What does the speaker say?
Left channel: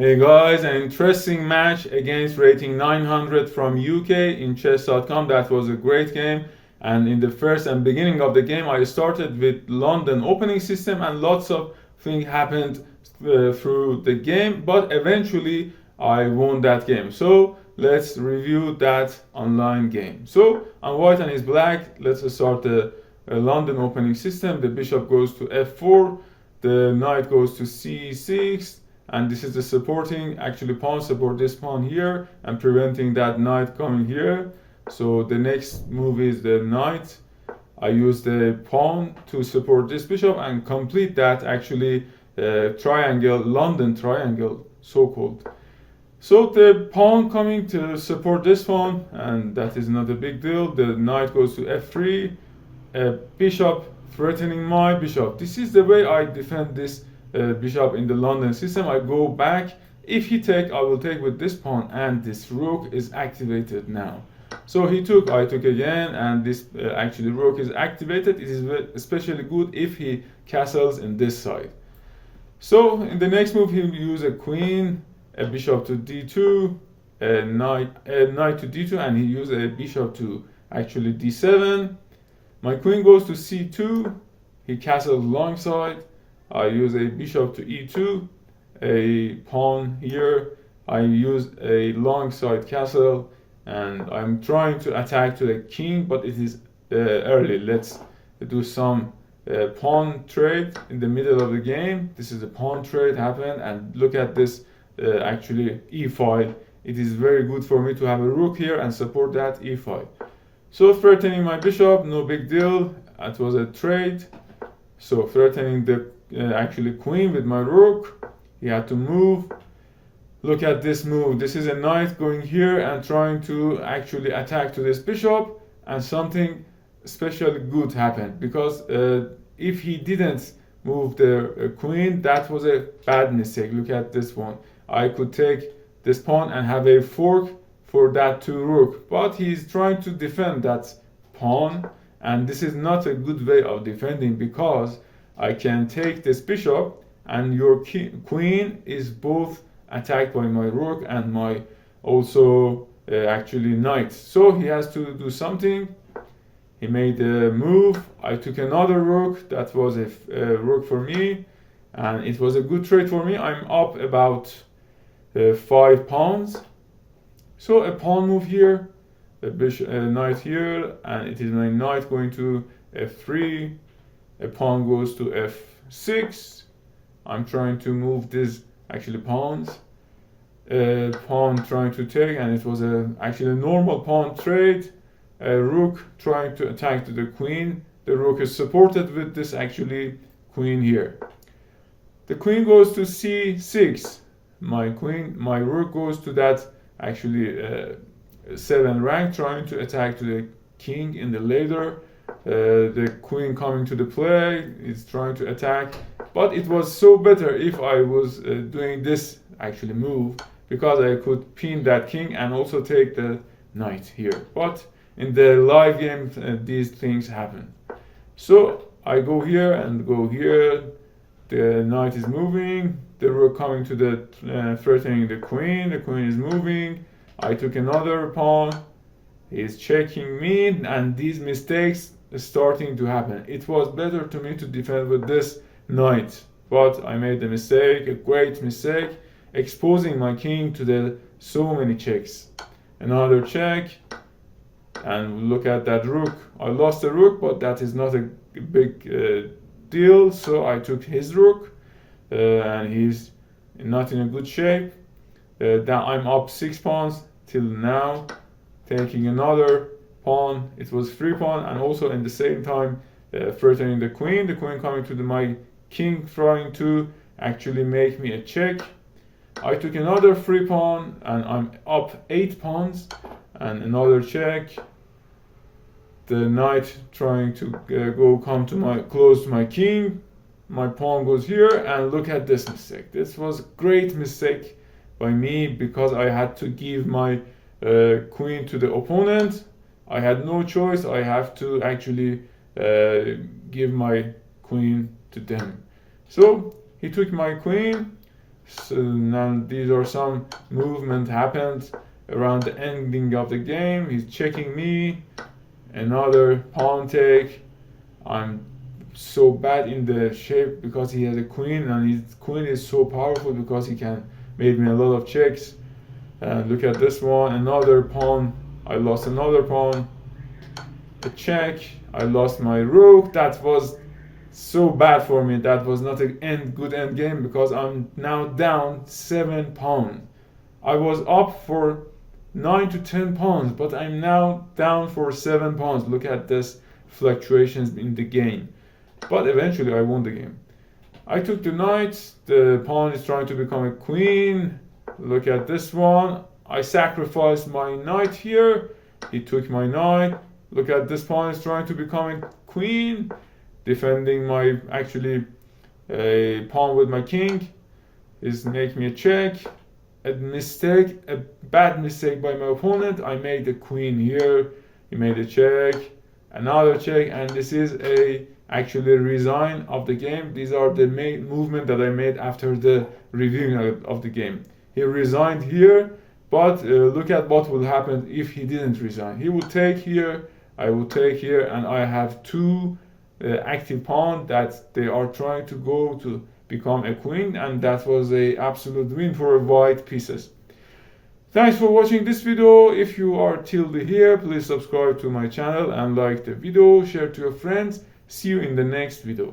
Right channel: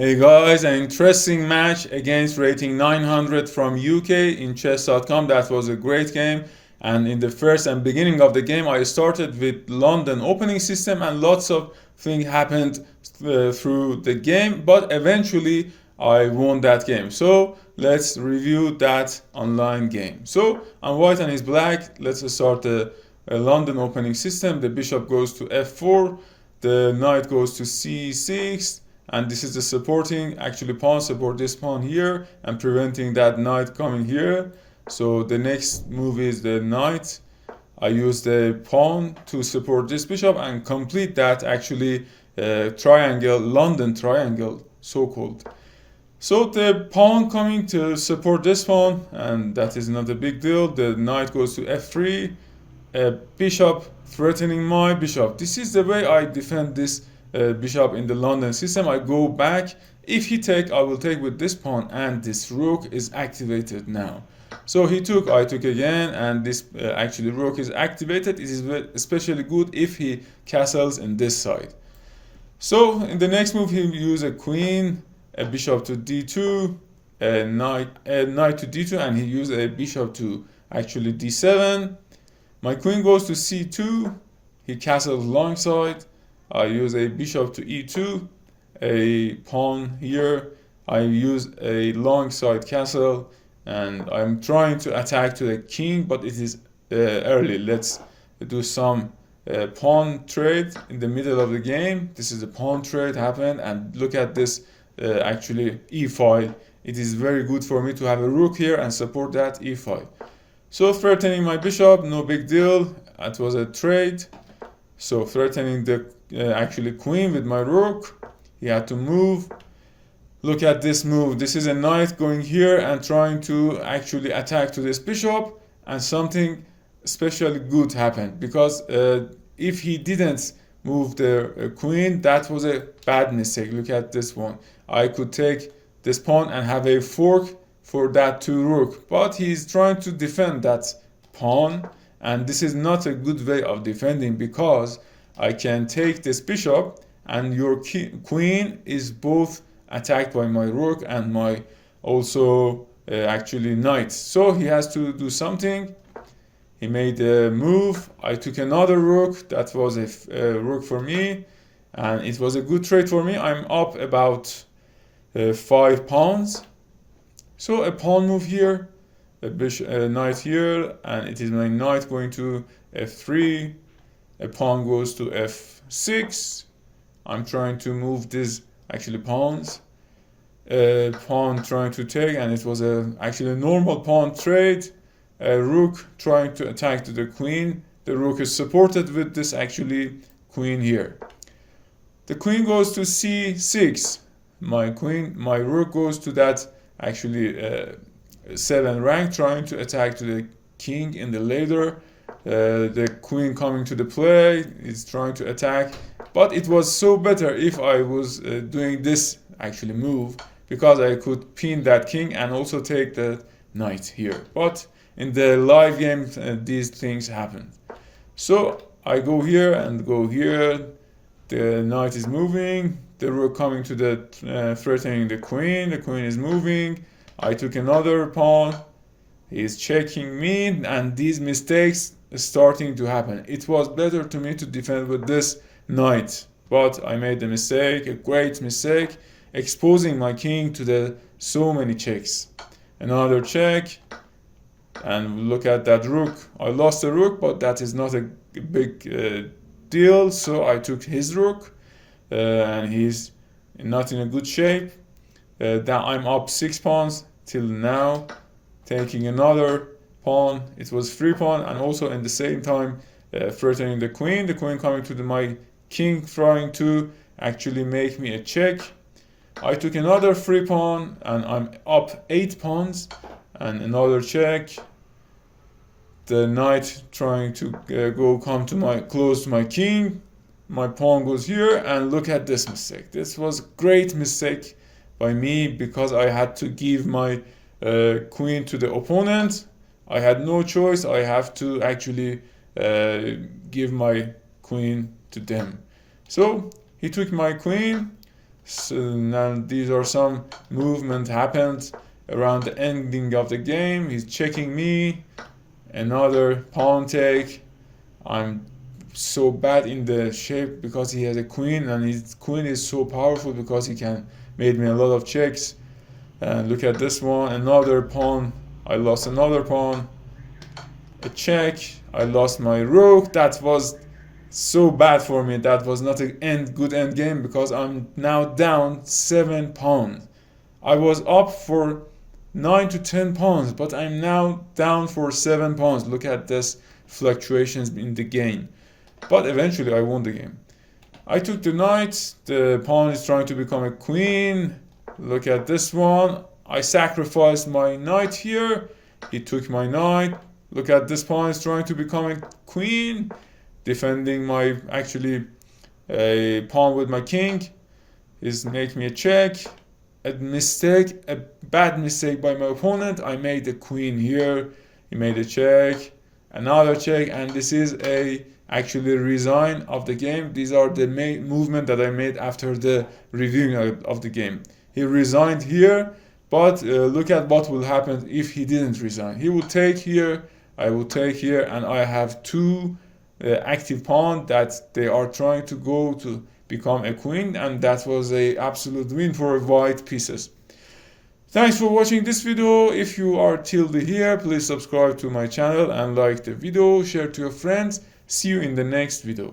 Hey guys, an interesting match against rating 900 from UK in chess.com. That was a great game. And in the first and beginning of the game, I started with London opening system, and lots of things happened through the game. But eventually, I won that game. So let's review that online game. So on white and his black, let's start the London opening system. The bishop goes to f4, the knight goes to c6, and this is the supporting pawn, support this pawn here and preventing that knight coming here. So the next move is the knight. I use the pawn to support this bishop and complete that triangle, London triangle, so-called. So the pawn coming to support this pawn, and that is not a big deal. The knight goes to f3, bishop threatening my bishop. This is the way I defend this bishop in the London system. I go back. If he take, I will take with this pawn, and this rook is activated now. So he took, I took again, and this rook is activated. It is especially good if he castles in this side. So in the next move, he use a queen, a bishop to d2, a knight to d2, and he used a bishop to d7. My queen goes to c2. He castles long side. I use a bishop to e2, a pawn here. I use a long side castle, and I'm trying to attack to the king, but it is early. Let's do some pawn trade in the middle of the game. This is a pawn trade happened, and look at this e file. It is very good for me to have a rook here and support that e file. So threatening my bishop, no big deal. It was a trade. So threatening the queen with my rook. He had to move. Look at this move. This is a knight going here and trying to attack to this bishop, and something especially good happened, because if he didn't move the queen, that was a bad mistake. Look at this one. I could take this pawn and have a fork for that to rook, but he's trying to defend that pawn, and this is not a good way of defending, because I can take this bishop and your queen is both attacked by my rook and my also knight. So he has to do something. He made a move. I took another rook. That was a rook for me, and it was a good trade for me. I'm up about 5 pawns. So a pawn move here, a knight here, and it is my knight going to f3. A pawn goes to f6. I'm trying to move these pawns. Pawn trying to take, and it was a normal pawn trade. A rook trying to attack to the queen. The rook is supported with this queen here. The queen goes to c6. My rook goes to that 7 rank, trying to attack to the king in the ladder. The queen coming to the play is trying to attack, but it was so better if I was doing this move, because I could pin that king and also take the knight here. But in the live game, these things happen. So I go here and go here. The knight is moving. The rook coming to the threatening the queen. The queen is moving. I took another pawn. He's checking me, and these mistakes are starting to happen. It was better to me to defend with this knight, but I made a mistake, a great mistake, exposing my king to the so many checks. Another check, and look at that rook. I lost the rook, but that is not a big deal. So I took his rook, and he's not in a good shape. That I'm up 6 pawns till now. Taking another pawn. It was 3 pawn, and also in the same time threatening the queen coming to my king, trying to make me a check. I took another 3 pawn, and I'm up 8 pawns, and another check. The knight trying to come close to my king. My pawn goes here, and look at this mistake. This was a great mistake by me, because I had to give my queen to the opponent. I had no choice. I have to give my queen to them. So he took my queen, So now these are some movement happened around the ending of the game. He's checking me. Another pawn take. I'm so bad in the shape because he has a queen, and his queen is so powerful because he can made me a lot of checks. And look at this one, another pawn. I lost another pawn. A check. I lost my rook. That was so bad for me. That was not a good end game because I'm now down 7 pawns. I was up for 9 to 10 pawns, but I'm now down for 7 pawns. Look at this fluctuations in the game. But eventually I won the game. I took the knight. The pawn is trying to become a queen. Look at this one. I sacrificed my knight here. He took my knight. Look at this pawn is trying to become a queen. Defending my a pawn with my king. Is make me a check. A bad mistake by my opponent. I made the queen here. He made a check. Another check, and this is actually resign of the game. These are the movement that I made after the reviewing of the game. He resigned here, but look at what will happen if he didn't resign. He will take here, I will take here, and I have 2 active pawn that they are trying to go to become a queen, and that was a absolute win for white pieces. Thanks for watching this video. If you are till here, please subscribe to my channel and like the video, share to your friends. See you in the next video.